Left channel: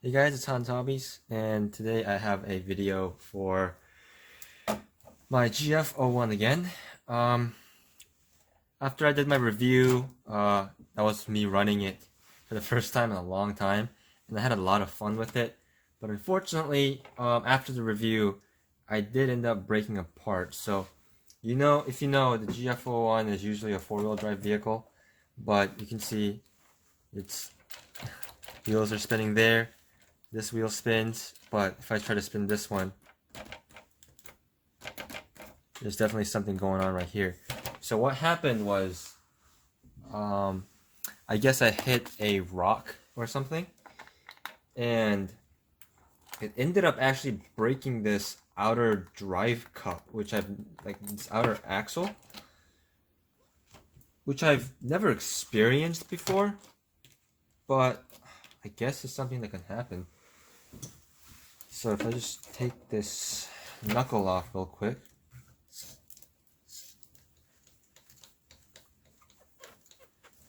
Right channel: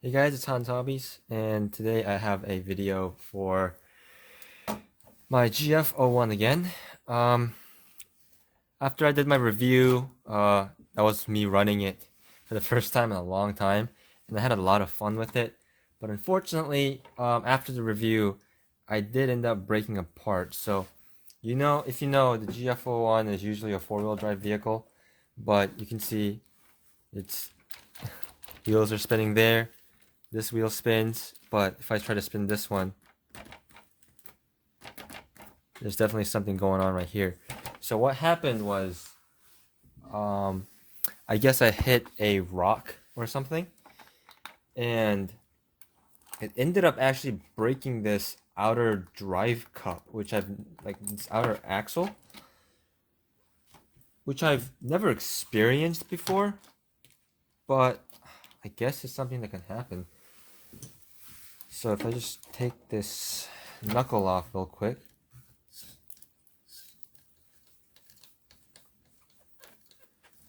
Hey guys, it's Hans Hobbies, and today I have a video for my GF-01 again. Um, After I did my review, that was me running it for the first time in a long time, and I had a lot of fun with it. But unfortunately, after the review, I did end up breaking apart. So, if you know, the GF-01 is usually a four-wheel drive vehicle, but you can see its wheels are spinning there. This wheel spins, but if I try to spin this one, there's definitely something going on right here. So what happened was, um, I guess I hit a rock or something, and it ended up actually breaking this outer drive cup, which I've like this outer axle, which I've never experienced before, but I guess it's something that can happen. So if I just take this knuckle off real quick,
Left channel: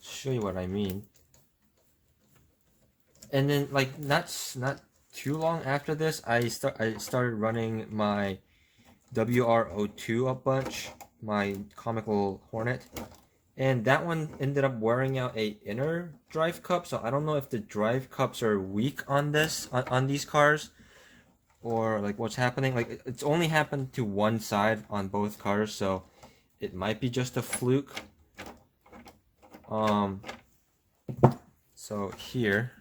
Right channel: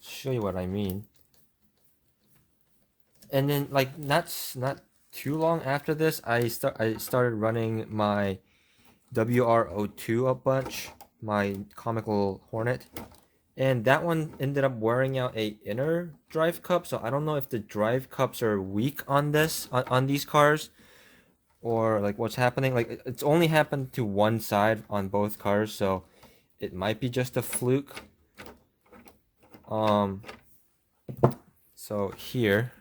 show you what I mean. And then like not too long after this, I started running my WR-02 a bunch, my comical Hornet, and that one ended up wearing out a inner drive cup. So I don't know if the drive cups are weak on on these cars, or like what's happening. Like it's only happened to one side on both cars, so it might be just a fluke. Um, so here,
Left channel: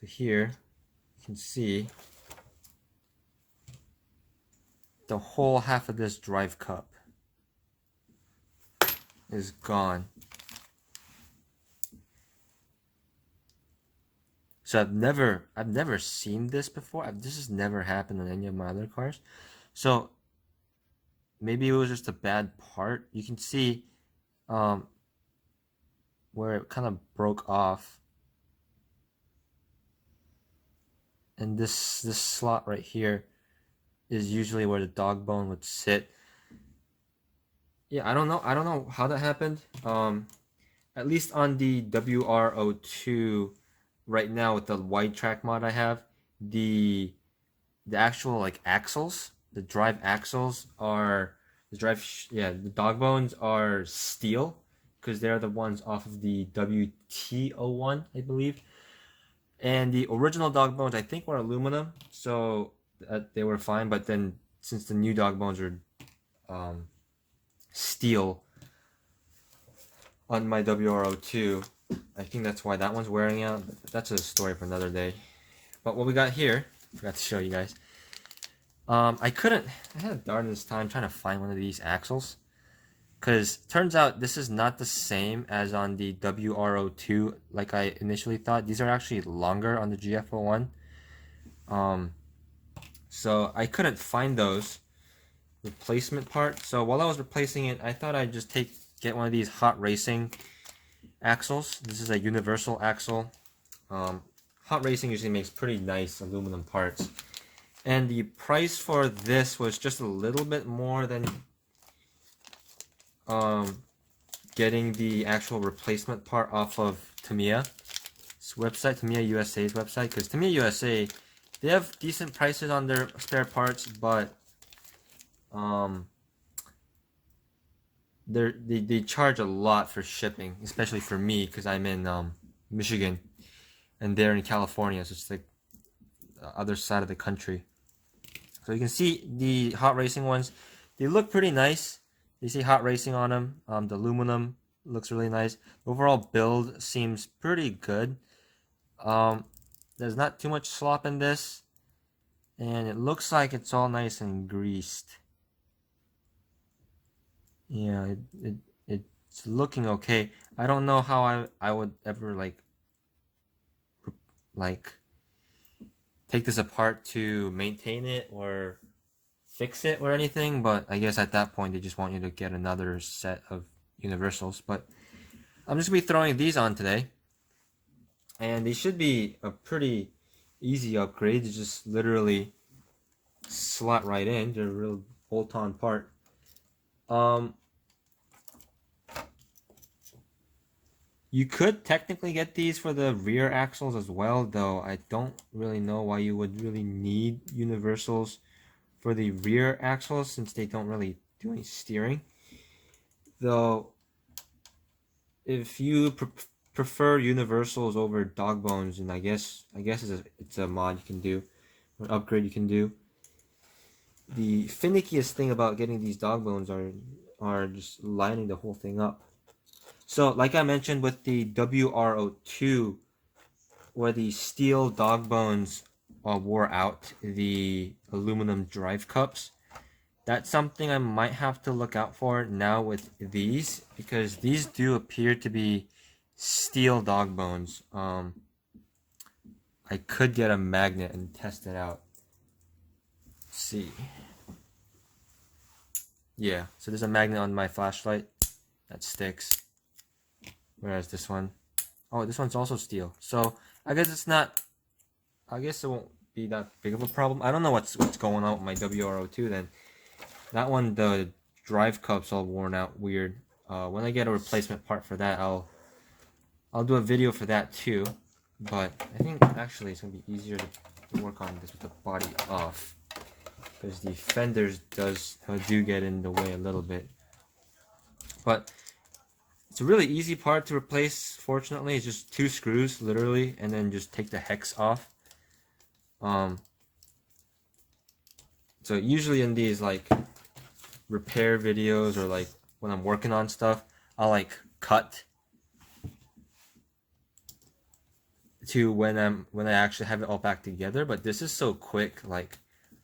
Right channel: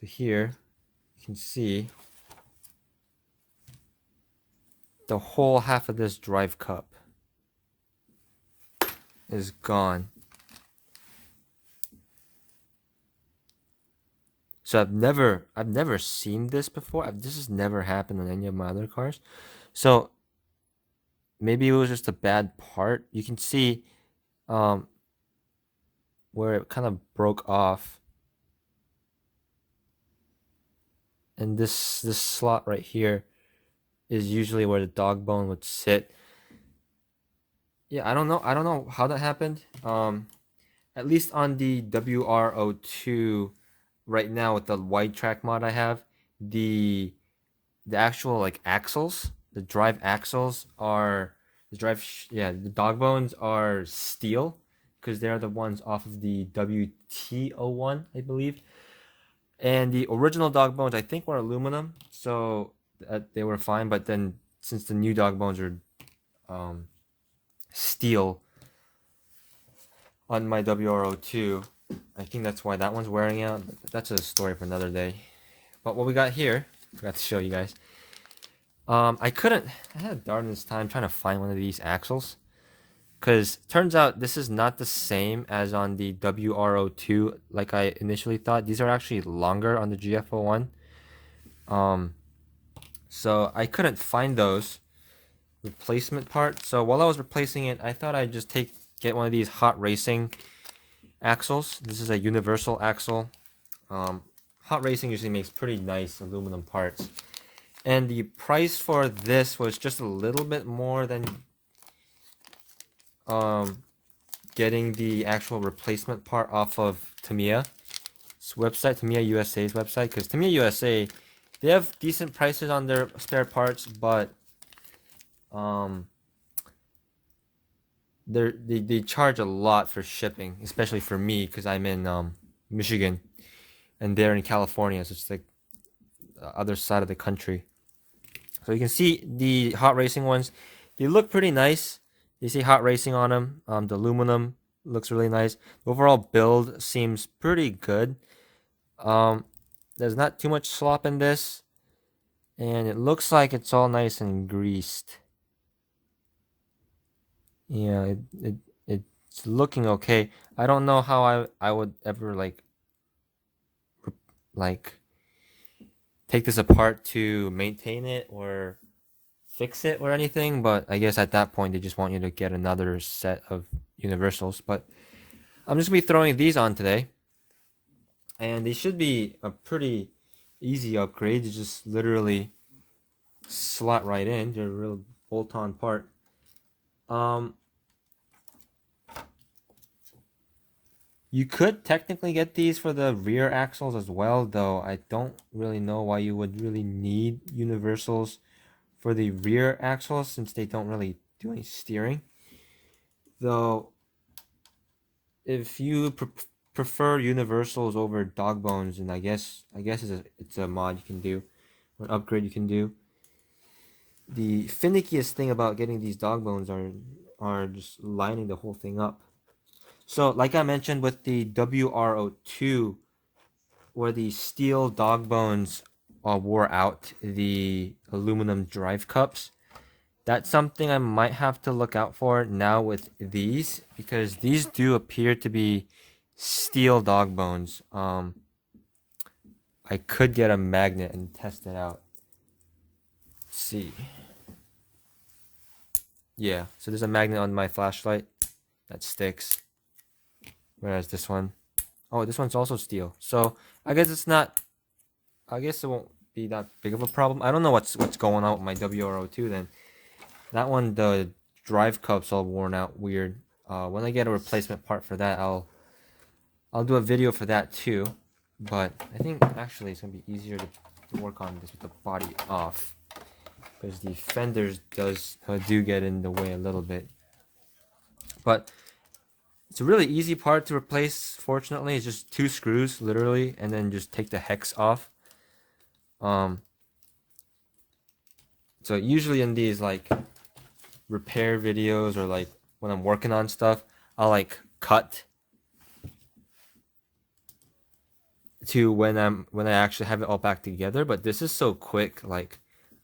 so here you can see the whole half of this drive cup is gone. So I've never seen this before. This has never happened on any of my other cars. So maybe it was just a bad part. You can see um where it kind of broke off. And this slot right here is usually where the dog bone would sit. Yeah, I don't know. I don't know how that happened. At least on the WR-02 right now with the wide track mod I have, the the actual like axles, the drive axles are the dog bones are steel because they're the ones off of the WT-01, I believe. And the original dog bones I think were aluminum, so they were fine. But then since the new dog bones are um, steel on my WR-02, I think that's why that one's wearing out. That's a story for another day. But what we got here, I forgot to show you guys. I had a darndest time trying to find one of these axles. Because turns out this is not the same as on the WR-02 like I initially thought. These are actually longer on the GF-01. Um, so I couldn't find those replacement parts. So while I was replacing it, I thought I'd just get one of these hot racing axles. This is a universal axle. Hot racing usually makes pretty nice aluminum parts. And the price for this was just a little bit more than getting the actual replacement part off of Tamiya's website, Tamiya USA's website, because Tamiya USA, they have decent prices on their spare parts, but they charge a lot for shipping, especially for me because I'm in Michigan and they're in California, so it's like the other side of the country. So you can see the hot racing ones, they look pretty nice. They say hot racing on them. The aluminum looks really nice. The overall build seems pretty good. Um, there's not too much slop in this, and it looks like it's all nice and greased. Yeah, it's looking okay. I don't know how I would ever like take this apart to maintain it or fix it or anything, but I guess at that point they just want you to get another set of universals. But I'm just gonna be throwing these on today, and they should be a pretty easy upgrade. You just literally slot right in. They're a real bolt-on part. Um, You could technically get these for the rear axles as well, though I don't really know why you would really need universals for the rear axles since they don't really do any steering. Though, if you prefer universals over dog bones, and I guess it's a mod you can do, or upgrade you can do. The finickiest thing about getting these dog bones are just lining the whole thing up. So, like I mentioned with the WR-02, where the steel dog bones wore out the aluminum drive cups, that's something I might have to look out for now with these, because these do appear to be steel dog bones. I could get a magnet and test it out. Let's see. Yeah, so there's a magnet on my flashlight that sticks. Whereas this one, oh, this one's also steel. So I guess it's not. I guess it won't be that big of a problem. I don't know what's going on with my WR-02 then. That one, the drive cups all worn out weird. When I get a replacement part for that, I'll do a video for that too. But I think actually it's gonna be easier to work on this with the body off, because the fenders do get in the way a little bit. But it's a really easy part to replace. Fortunately, it's just 2 screws literally, and then just take the hex off. So usually in these like repair videos, or like when I'm working on stuff, I'll like cut to when I actually have it all back together. But this is so quick, like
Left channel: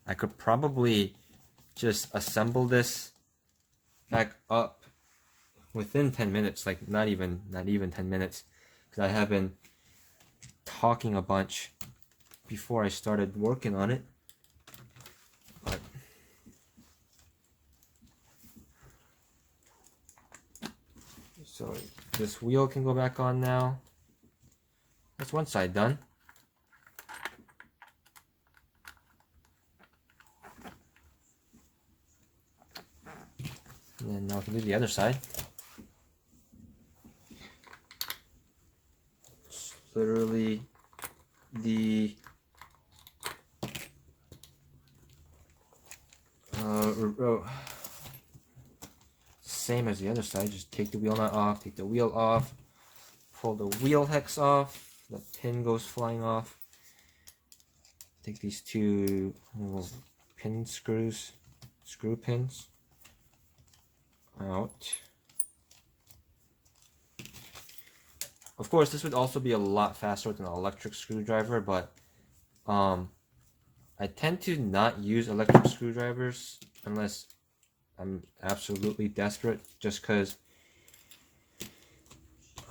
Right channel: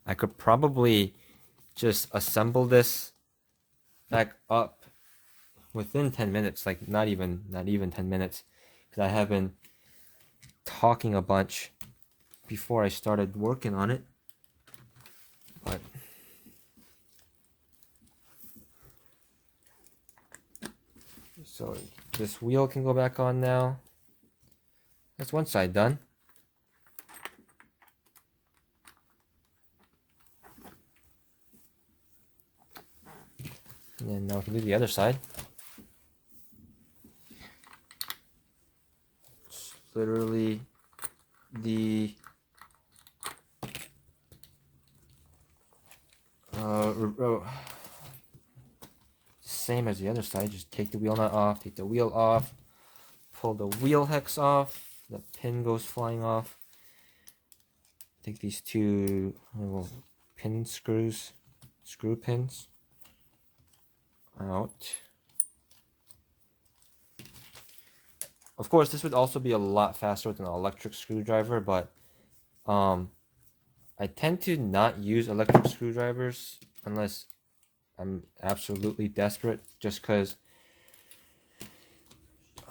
I could probably just assemble this back up within 10 minutes, like not even 10 minutes, because I have been talking a bunch before I started working on it. But so this wheel can go back on now. That's one side done. And then now we can do the other side. It's literally the same as the other side. Just take the wheel nut off, take the wheel off, pull the wheel hex off, the pin goes flying off. Take these 2 pin screw pins out. Of course, this would also be a lot faster with an electric screwdriver, but I tend to not use electric screwdrivers unless I'm absolutely desperate, just because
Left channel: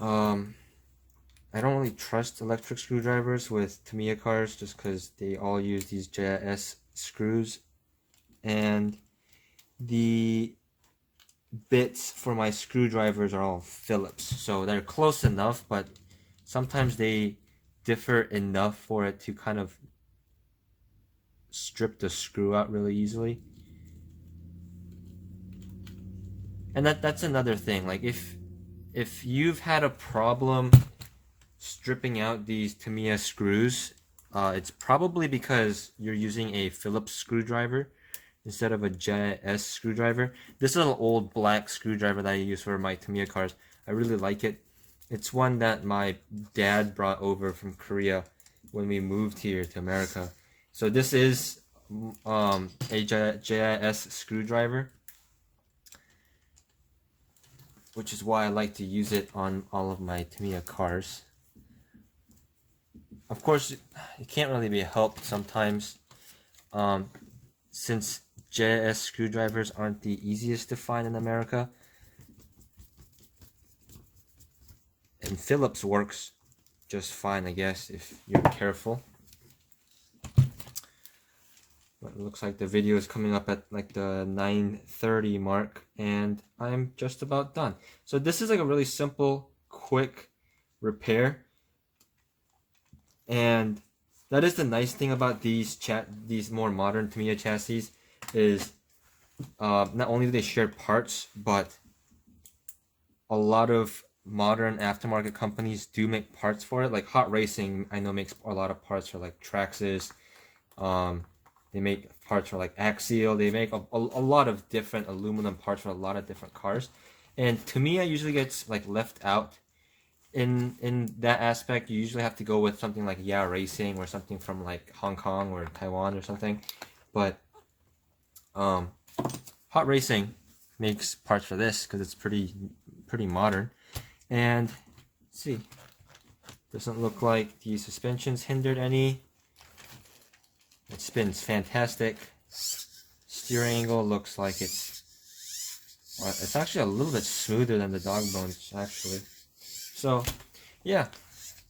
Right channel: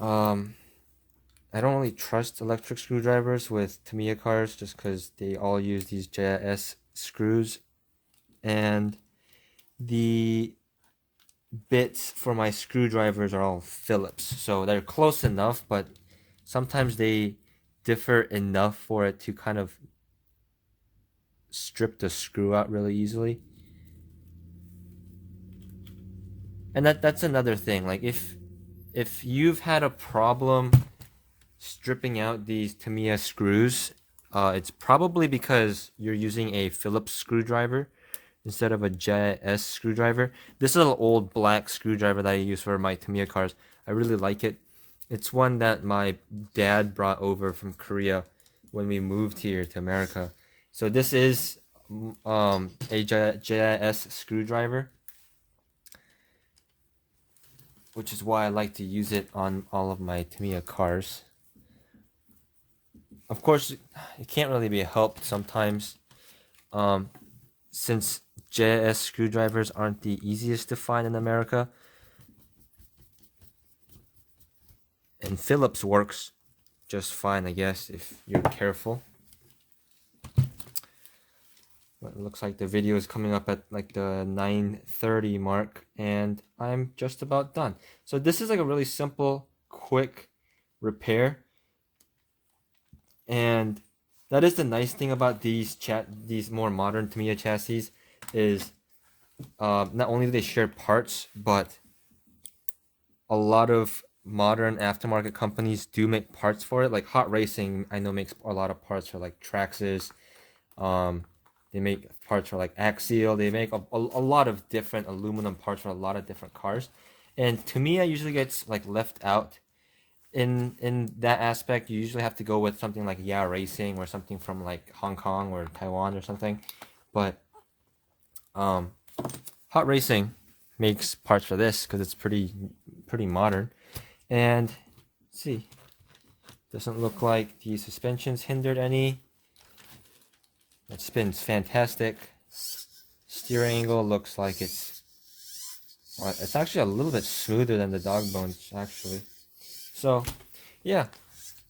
I don't really trust electric screwdrivers with Tamiya cars, just because they all use these JIS screws, and the bits for my screwdrivers are all Phillips, so they're close enough, but sometimes they differ enough for it to kind of strip the screw out really easily. And that's another thing, like if you've had a problem stripping out these Tamiya screws, it's probably because you're using a Phillips screwdriver instead of a JIS screwdriver. This is an old black screwdriver that I use for my Tamiya cars. I really like it. It's one that my dad brought over from Korea when we moved here to America. So this is a JIS screwdriver, which is why I like to use it on all of my Tamiya cars. Of course, it can't really be helped sometimes, since JIS screwdrivers aren't the easiest to find in America. And Phillips works just fine, I guess, if you're careful. But it looks like the video is coming up at like the 9:30 mark, and I'm just about done. So this is like a really simple, quick repair. And that is the nice thing about these more modern Tamiya chassis, is not only do they share parts, but a lot of modern aftermarket companies do make parts for it. Like Hot Racing, I know makes a lot of parts for like Traxxas. Um, they make parts for like Axial. They make a lot of different aluminum parts for a lot of different cars. And Tamiya usually gets like left out in that aspect. You usually have to go with something like Yeah Racing or something from like Hong Kong or Taiwan or something. But um, Hot Racing makes parts for this because it's pretty modern. And let's see, doesn't look like the suspension's hindered any. It spins fantastic. Steering angle looks like it's actually a little bit smoother than the dog bones actually. So yeah,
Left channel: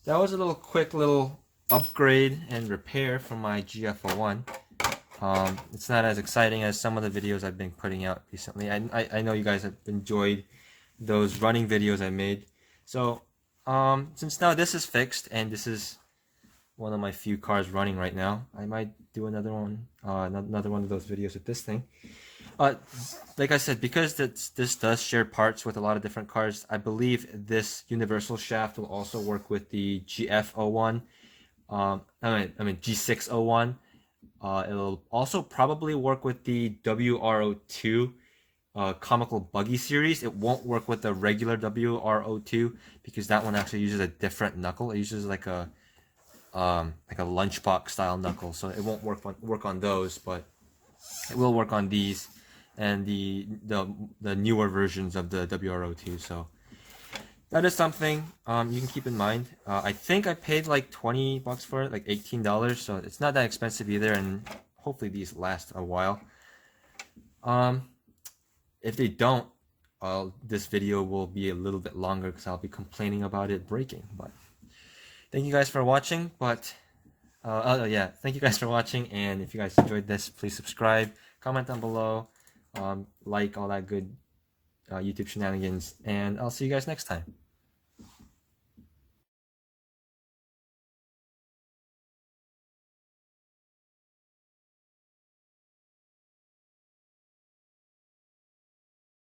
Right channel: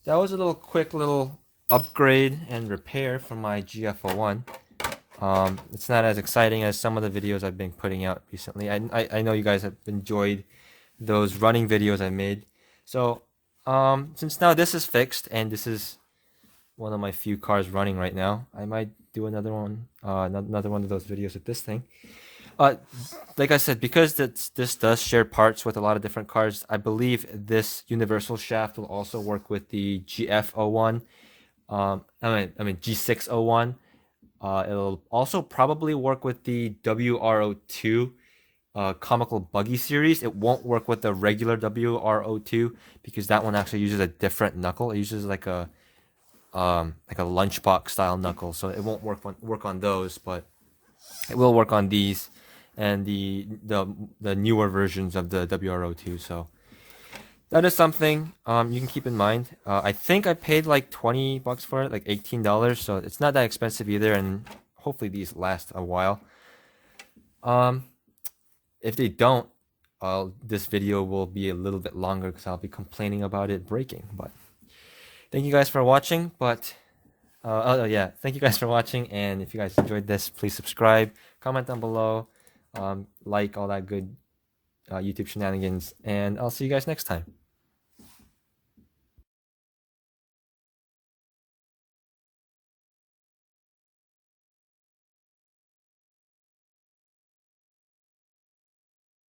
that was a quick little upgrade and repair for my GF-01. It's not as exciting as some of the videos I've been putting out recently. I know you guys have enjoyed those running videos I made. So since now this is fixed and this is one of my few cars running right now, I might do another one of those videos with this thing. Like I said, because this does share parts with a lot of different cars, I believe this universal shaft will also work with the GF-01. I mean G601. It'll also probably work with the WR-02 comical buggy series. It won't work with the regular WR-02 because that one actually uses a different knuckle. It uses like a lunchbox style knuckle, so it won't work on those, but it will work on these and the newer versions of the WR-02. So that is something you can keep in mind. I think I paid like $20 for it, like $18, so it's not that expensive either, and hopefully these last a while. If they don't, this video will be a little bit longer because I'll be complaining about it breaking. But thank you guys for watching. But oh yeah, thank you guys for watching. And if you guys enjoyed this, please subscribe, comment down below, like all that good YouTube shenanigans, and I'll see you guys next time.